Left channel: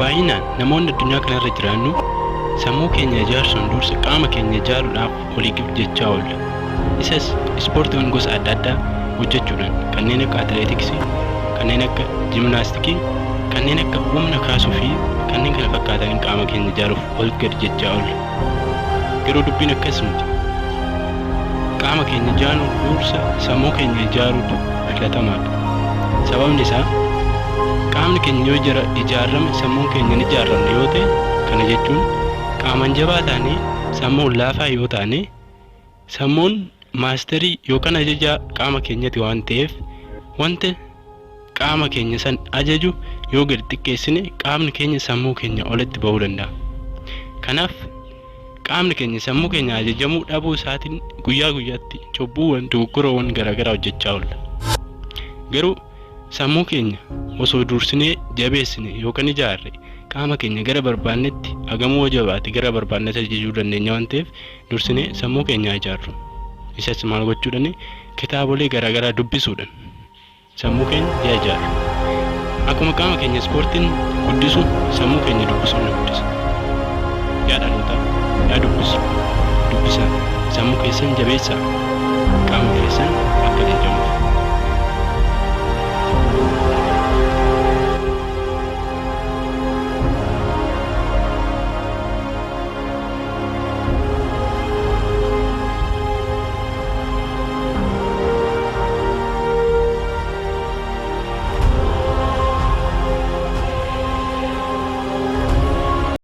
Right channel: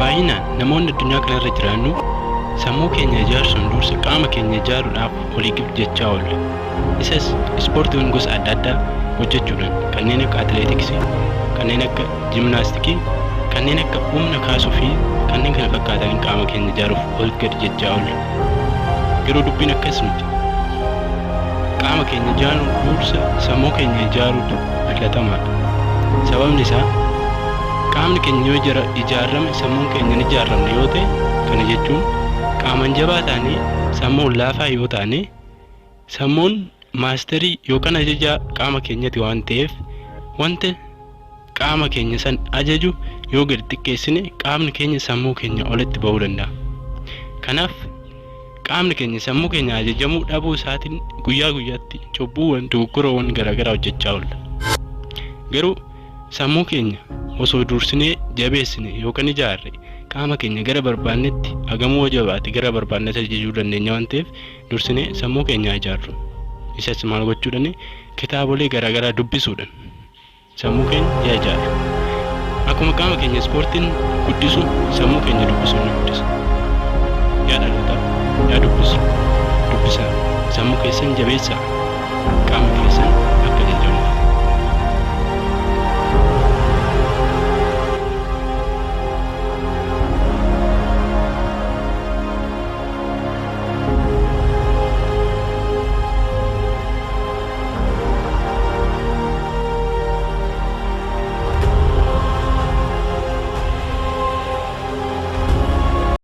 Baay'inaan namoonni addunyaa kanarra jiraannu sammuu keenya ijaarsuun dursa qaama keenya ijaaruudhaaf oliif jechaa oolla. Isas ispoortiiwwan gosa adda addaa hojjechuudhaan kanneen akka atileetiksii, kanneen akka jiimnaastikii, kanneen akka humna kaasuu fi kanneen kana fakkaatan qaama keenya ijaaruuf oliif gad jechaa oolla. Garuu dubbiin akkas miti. Qaama keenya ijaaruun dursa sammuu keenya ijaaruutu filatamaadha. Sababni isaa qaamni keenya yoo ijaarame sammuun keenya ni ijaaramne yoo ta'e, kana jechuun qaaman jabaa taanee sammuun laafaa yoo taane sammuun maasterii yookaan ajajaa qaama keenyati waan ta'eef wanta qaama keenya san ajaju yoo gadi xiqqeessine qaamni keenya sammuu keenya olitti ba'uu danda'a. Kanaaf qaamni keenya sammuu keenya ajajamuu dhabuu isaatiin guyyaa guyyaatti cubbuuwwan dogoggoroowwan garaagaraa hojjechaa oolla. Garuu sammuu keenya osoo dursinee jabeessine yookaan ijaarre qaama keenya gara barbaannetti hagamoo jabaate gara barbaannetti ajajuu dandeenya waan ta'eef dursinee sammuu keenya ijaarru. Isas maal gochuudhaan kitaabolee garaagaraa dubbisuudhaan sammuu keenya ijaaru. Akkuma qaama keenya ispoortiin guddisu sammuu keenya dubbisuun ni guddisa. Yaa dhaloota yaa dubbisaa sammuu keessan jabeessaa qaama keessan akka ajajamuuf.